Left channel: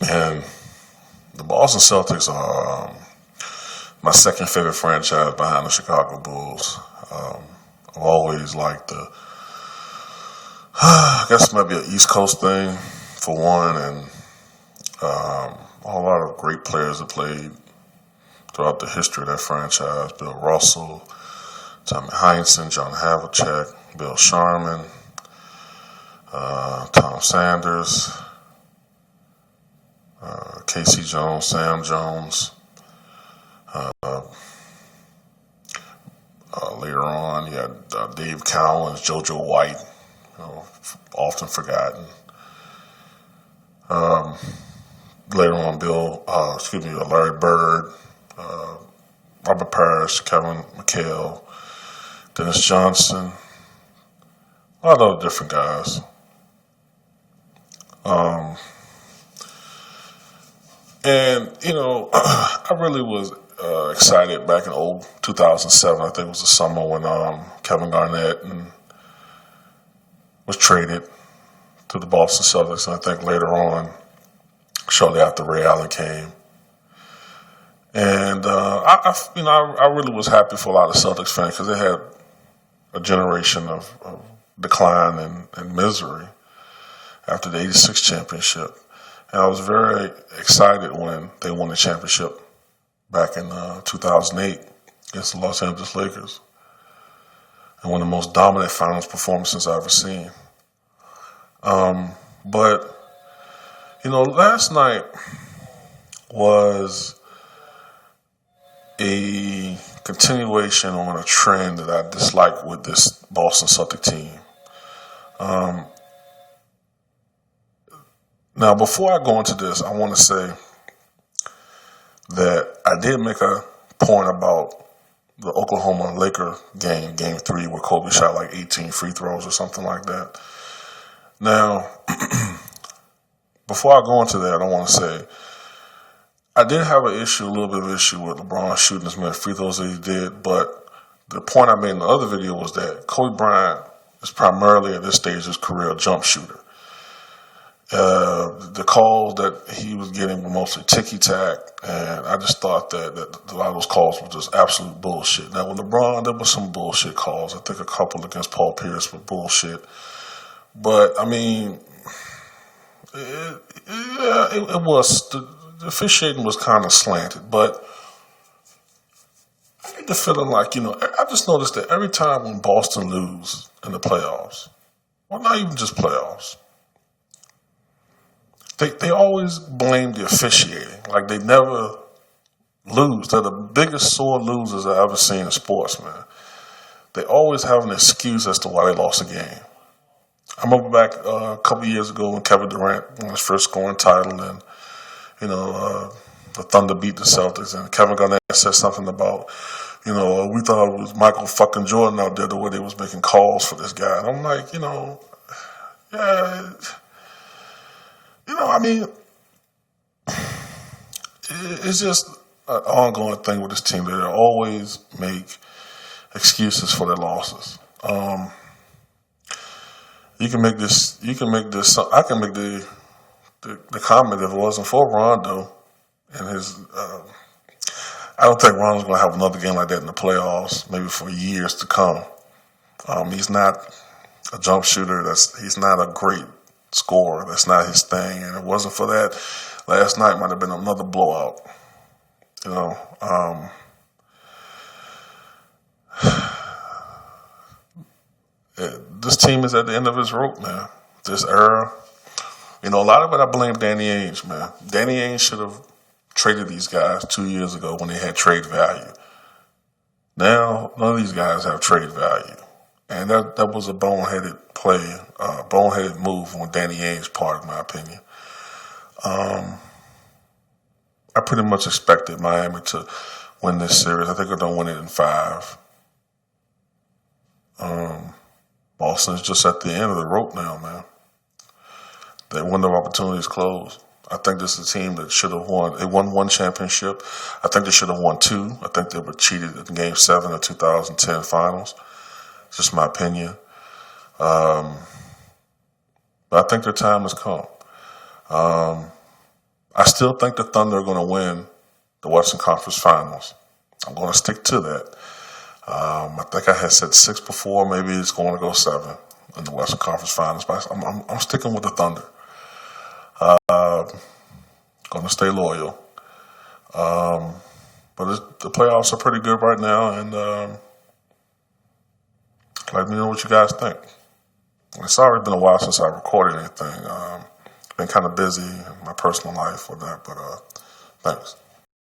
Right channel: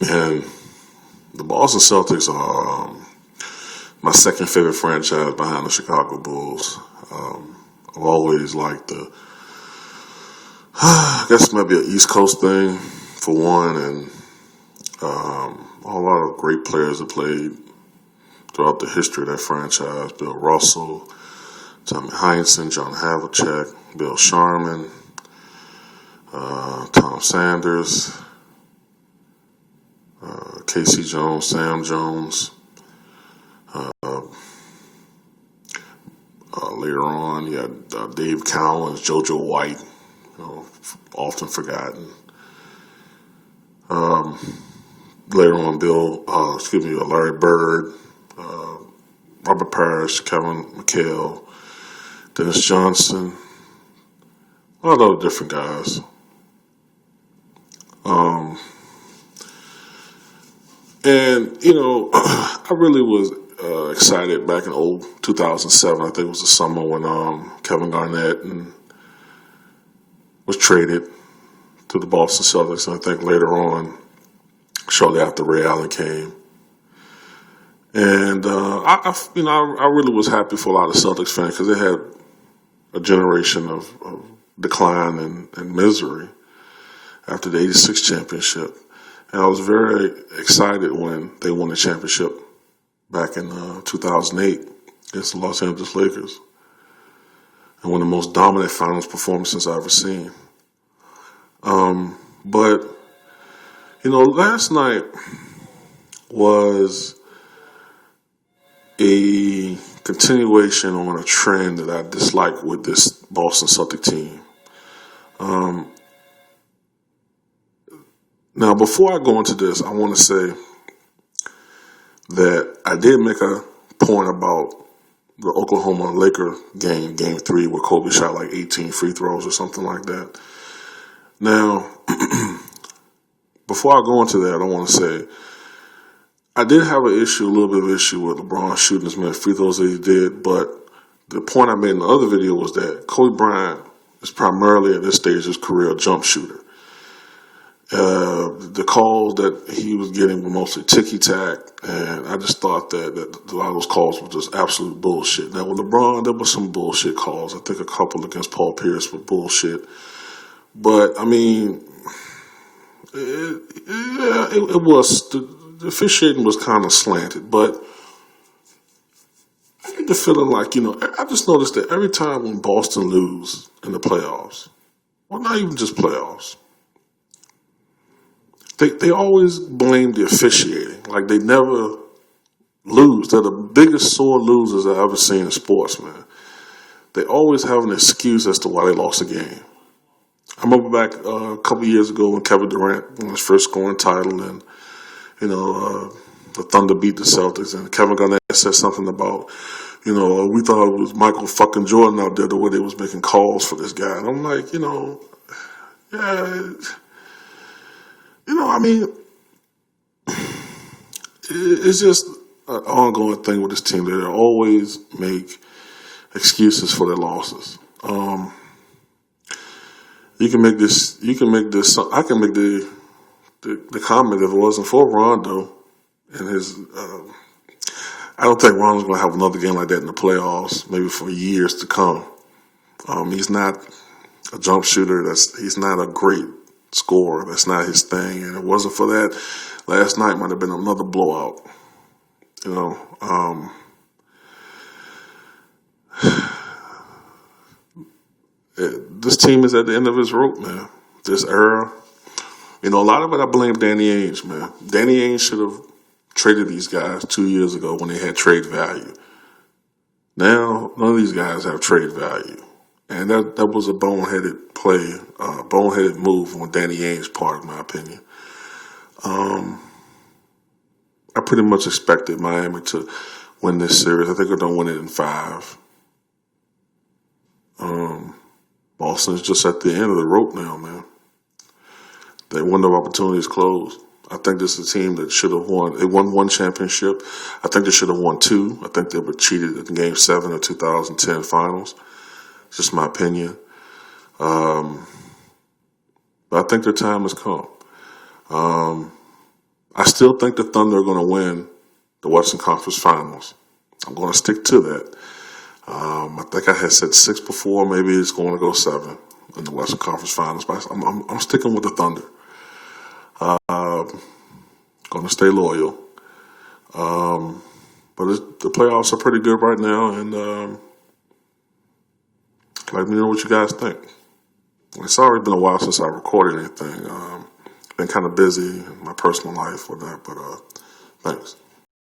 And the Boston Celtics are my second favorite franchise behind the Chicago Bulls. I've always liked I guess maybe an East Coast thing for one, and a lot of great players have played throughout the history of that franchise. Bill Russell, Tommy Heinsohn, John Havlicek, Bill Sharman, Tom Sanders, Casey Jones, Sam Jones. Later on, you had Dave Cowens, JoJo White, often forgotten. Later on, Larry Bird, Robert Parrish, Kevin McHale, Dennis Johnson, a lot of other different guys. And, I really was excited back in 2007. I think it was the summer when Kevin Garnett was traded to the Boston Celtics. And I think later on, shortly after Ray Allen came. And, I really was happy for a lot of Celtics fans because they had a generation of decline and misery after the '86 championship. And I was very excited when they won the championship back in 2008 against the Los Angeles Lakers. And one of the most dominant finals performances I've ever seen. But, last night was a continuation on a trend that I dislike with this Boston Celtic team. Now, before I go into this, I want to say that I did make a point about the Oklahoma Laker game 3, where Kobe shot like 18 free throws or something like that. Now, before I go into that, I want to say I did have a little bit of an issue with LeBron shooting as many free throws as he did, but the point I made in the other video was that Kobe Bryant is primarily at this stage of his career a jump shooter. The calls that he was getting were mostly ticky-tack, and I just thought that a lot of those calls were just absolute bullshit. Now, with LeBron, there were some bullshit calls. I think a couple against Paul Pierce were bullshit. But, I mean, it was, the officiating was kind of slanted, but I get the feeling like, I just noticed that every time when Boston lose in the playoffs, well, not even just playoffs, They always blame the officiating. Like they never lose. They're the biggest sore losers I've ever seen in sports, man. They always have an excuse as to why they lost a game. I remember back a couple of years ago when Kevin Durant won his first scoring title and, the Thunder beat the Celtics and Kevin Garnett said something about, we thought it was Michael fucking Jordan out there the way they was making calls for this guy. And I'm like, yeah... I mean, it's just an ongoing thing with this team that they always make excuses for their losses. I can make the comment if it wasn't for Rondo and his. I don't think Rondo's going to have another game like that in the playoffs, maybe for years to come. He's not a jump shooter. He's not a great scorer. That's not his thing. And if it wasn't for that, last night might have been another blowout. This team is at the end of its rope, man. This era. A lot of it I blame Danny Ainge, man. Danny Ainge should have traded these guys 2 years ago when they had trade value. Now, none of these guys have trade value. And that was a boneheaded play, boneheaded move on Danny Ainge's part, in my opinion. I pretty much expected Miami to win this series. I think they're going to win it in 5. Boston's just at the end of the rope now, man. Their window of opportunity is closed. I think this is a team that should have won. They won 1 championship. I think they should have won 2. I think they were cheated in Game 7 of 2010 finals. It's just my opinion. But I think their time has come. I still think the Thunder are going to win the Western Conference Finals. I'm going to stick to that. I think I had said 6 before. Maybe it's going to go 7 in the Western Conference Finals. But I'm sticking with the Thunder. Going to stay loyal. But the playoffs are pretty good right now, and let me know what you guys think. It's already been a while since I recorded anything. Been kind of busy in my personal life with that, but thanks.